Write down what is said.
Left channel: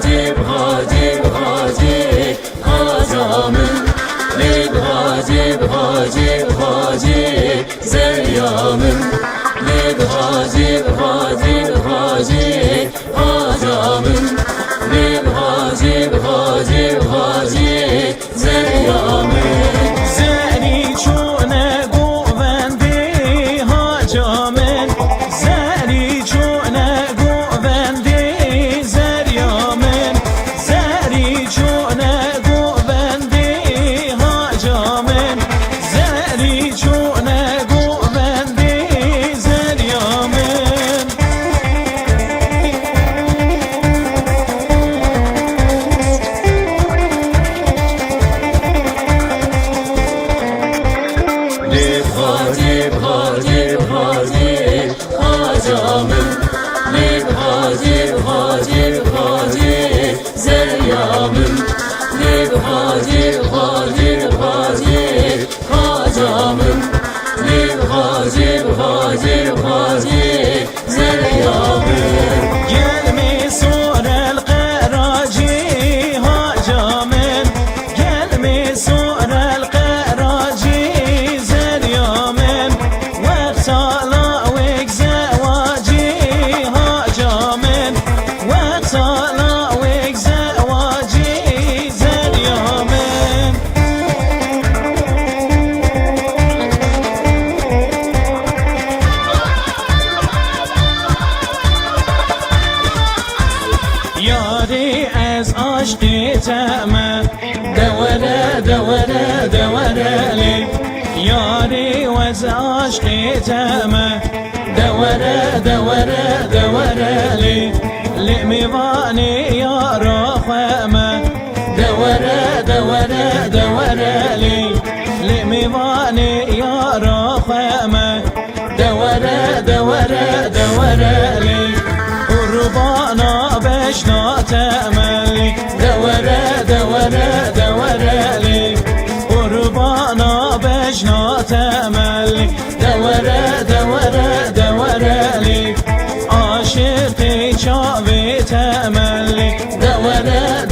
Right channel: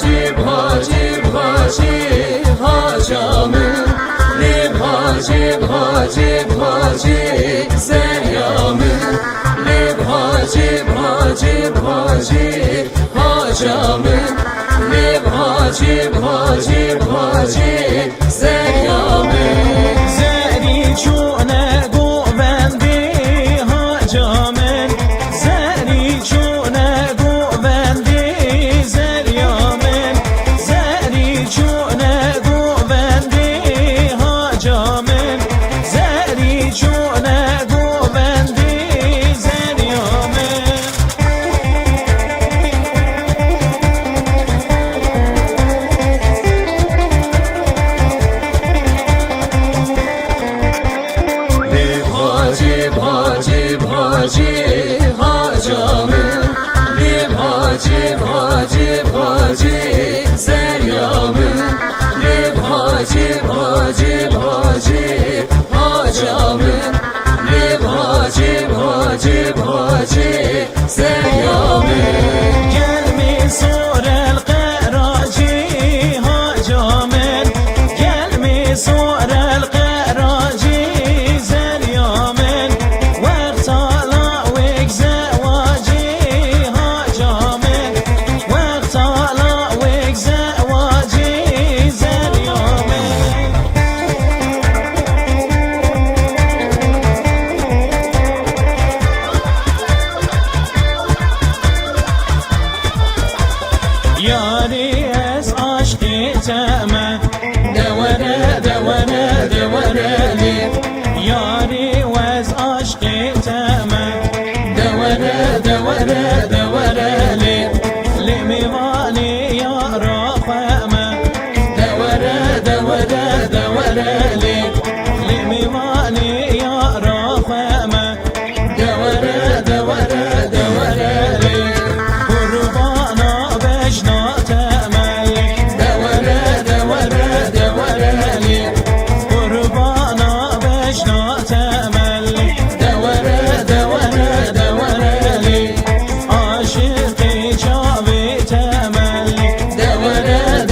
Hacib, Hacib, Hacib, Hacamın. Lib Hacib, Hacib, Hacib, Zeryamın. Lib Hacib, Hacib, Hacib, Hacamın. Lib Hacib, Hacib, Hacib, Zeryamın. Hacib, Hacib, Hacib, Hacamın. Lib Hacib, Hacib, Hacib, Zeryamın. Lib Hacib, Hacib, Hacib, Hacamın. Lib Hacib, Hacib, Hacib, Zeryamın. دورة دورة دورة لي ياري وز عشقي تامة دورة دورة دورة لي لميواني يا رخامة دورة دورة دورة لي لميواني يا رخامة دورة دورة دورة لي قربانا بشنا تاملي دورة دورة دورة لي قربانا بشنا تاملي دورة دورة دورة لي عاشقي جابي تاملي دورة